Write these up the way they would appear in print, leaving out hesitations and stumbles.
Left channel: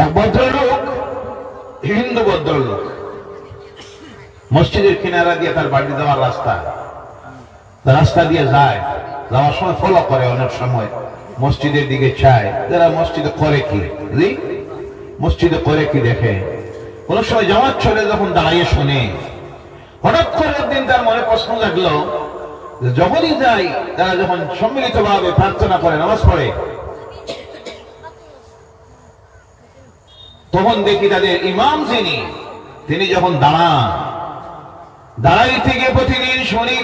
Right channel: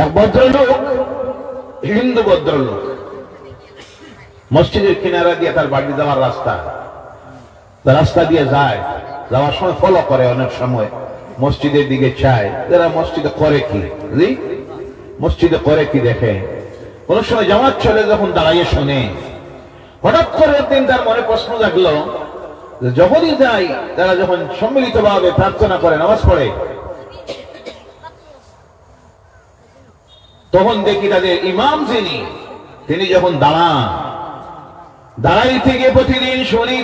এক ভদ্রলোক, হিন্দু ভদ্রলোক, মসজিদের কিনারা দিয়ে তার বাড়ি যাওয়ার রাস্তা দিয়ে যায়। যাওয়ার সময় ফলো করে, অনেক সময় মসজিদের দিকে চায়, যারা মসজিদে করে কি দেখে। অনেক সময় জামাত ছেড়ে যখন দাঁড়িয়ে শুনে, হঠাৎ করে একদিন তার মনে প্রশ্ন লাগলো যে যখনই যাই, তারা যখন সম্মিলিত ভাবে প্রার্থনা করে, নামাজ পড়ে, তখন দেখি তাদের ইমাম তিনি যখন দাঁড়াইতে গিয়ে প্রতিদিন শুনি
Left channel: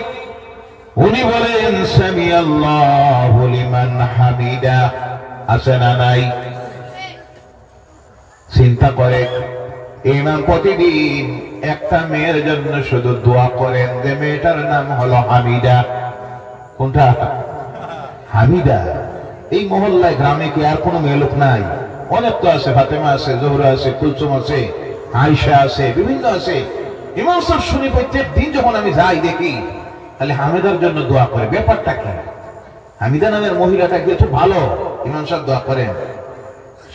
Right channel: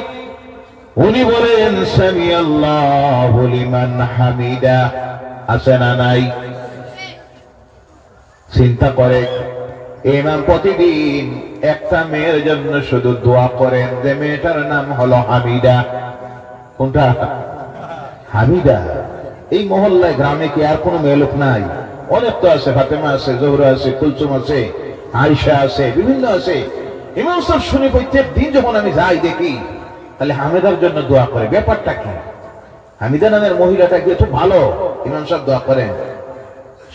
উনি বলেন সামি আল্লাহু লিমান হামিদা। আছে না নাই? চিন্তা করে, ইমাম প্রতিদিন একটা মেয়ের জন্য শুধু দোয়া করেন, যে মেয়েটার নাম হলো হামিদা। কোনটা? হামিদা। এই মহল্লায়, গ্রামে কি আর কোনো মেয়ে লোক নাই? অনেক তো আছে, ফাতেমা আছে, জোহরা আছে, কুলসুম আছে, আয়েশা আছে, বিভিন্ন আছে। ইমাম সাহেব শুনে প্রত্যেক দিন যখন আমি যাই দেখি, তাহলে হামিদার জন্য দোয়া করে। ব্যাপারটা কি? হামিদা নামের মহিলাটা কি একটু ভালো? ইমাম সাহেব দোয়া করেন।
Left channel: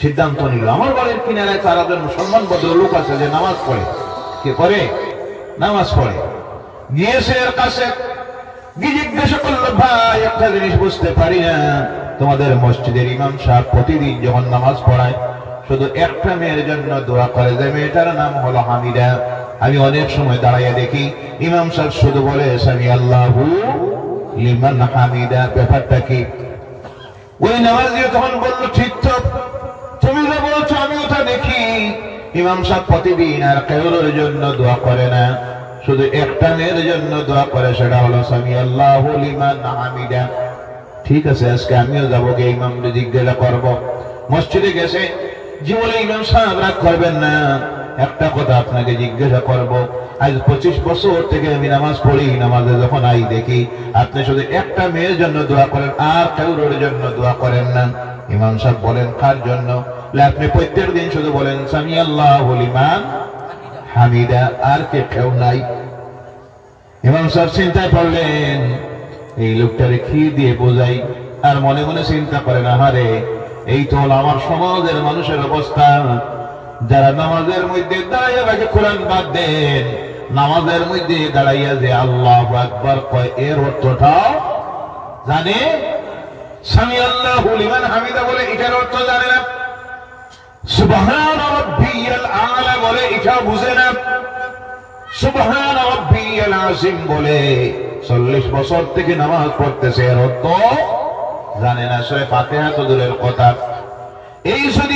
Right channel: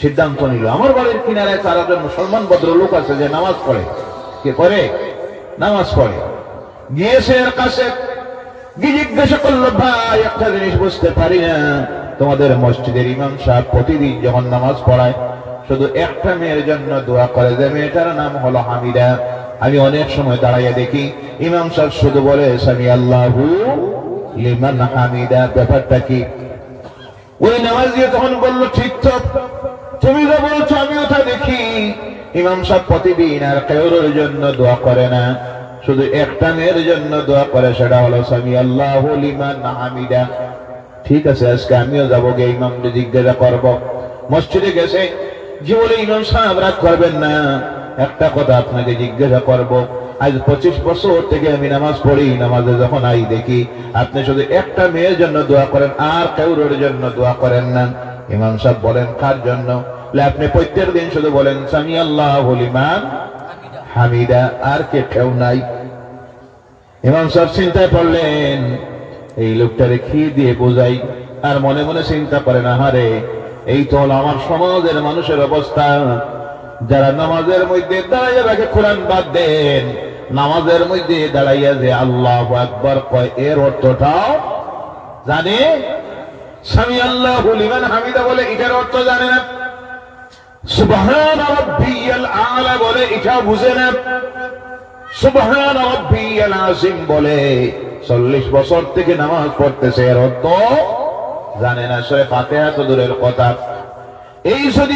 সিদ্ধান্ত নিল, আমার বাড়ির কিনারায় 4 জন মুসলমান ভদ্রলোক আছে যে নামাজ পড়ে। কে করে? নামাজ পড়ে। গিয়েছে এর কাছে, গিয়ে জিজ্ঞাসা করলো, ভাই একটা জিনিস বুঝতে পারি না, তোমাদের মসজিদের ইমাম সাহেব প্রতিদিন যখন নামাজ পড়ায় শুধু একটা মেয়ের জন্য দোয়া করে, যে মেয়েটার নাম হলো হামিদা। আমি অনেক সময় দাঁড়াইয়া দেখি ইমাম সাহেব শুধু বলে সামি আল্লাহু লিমান হামিদা। ব্যাপারটা কি? ওই নামাজি তখন বললো, ঠিক তো, তুমি যা বলছো আমিও তা দেখি। ইমাম সাহেব প্রতিদিন আর কারোর জন্য দোয়া করে না, শুধু একটা মেয়ের জন্য দোয়া করে, সেটা হলো সামি আল্লাহু লিমান হামিদা। ঠিক আছে, আজকে আমিও যাবো, গিয়ে ইমামকে জিজ্ঞাসা করবো। মসজিদে গেছে, জীবনে ইমাম সাহেব রাগ করবেন না, একটা কথা আপনাকে জিজ্ঞাসা করবো। আজ 25 বছর থেকে আমি নামাজ পড়ি, নামাজে যখন আই দেখি আপনি শুধু একটা মেয়ের জন্য দোয়া করেন, আর কারোর জন্য দোয়া করেন না। ইমাম সাহেব বলেন, কার জন্য? আপনি প্রত্যেক দিন শুধু বলেন সামি আল্লাহু লিমান হামিদা, আর কেউ নাই। ইমাম সাহেব চিন্তা করলেন, এই লোকটারে কি দিয়ে বোঝাই? আর মনে মনে চিন্তা করেন, আহারে, এই তো হলো আমার সমাজের মানুষের অবস্থা, যারা নামাজের মধ্যে দাঁড়াইয়া রাখে, কোরআন বাদ দেন, নামাজের মধ্যে দাঁড়াইয়া যে আল্লাহু আকবার কয়, এর অর্থটাও জানে। সামি আল্লাহু লিমান হামিদা বলে, এটার অর্থ জানে না। সুবহান রাব্বিয়াল আলা বলে, এটা বুঝে না। সুবহান রাব্বিয়াল আযীম বলে, 40 বছর থেকে নামাজ পড়তেছে, এর অর্থ জানে না। সূরা ফাতিহা তো দূরের কথা। এই যদি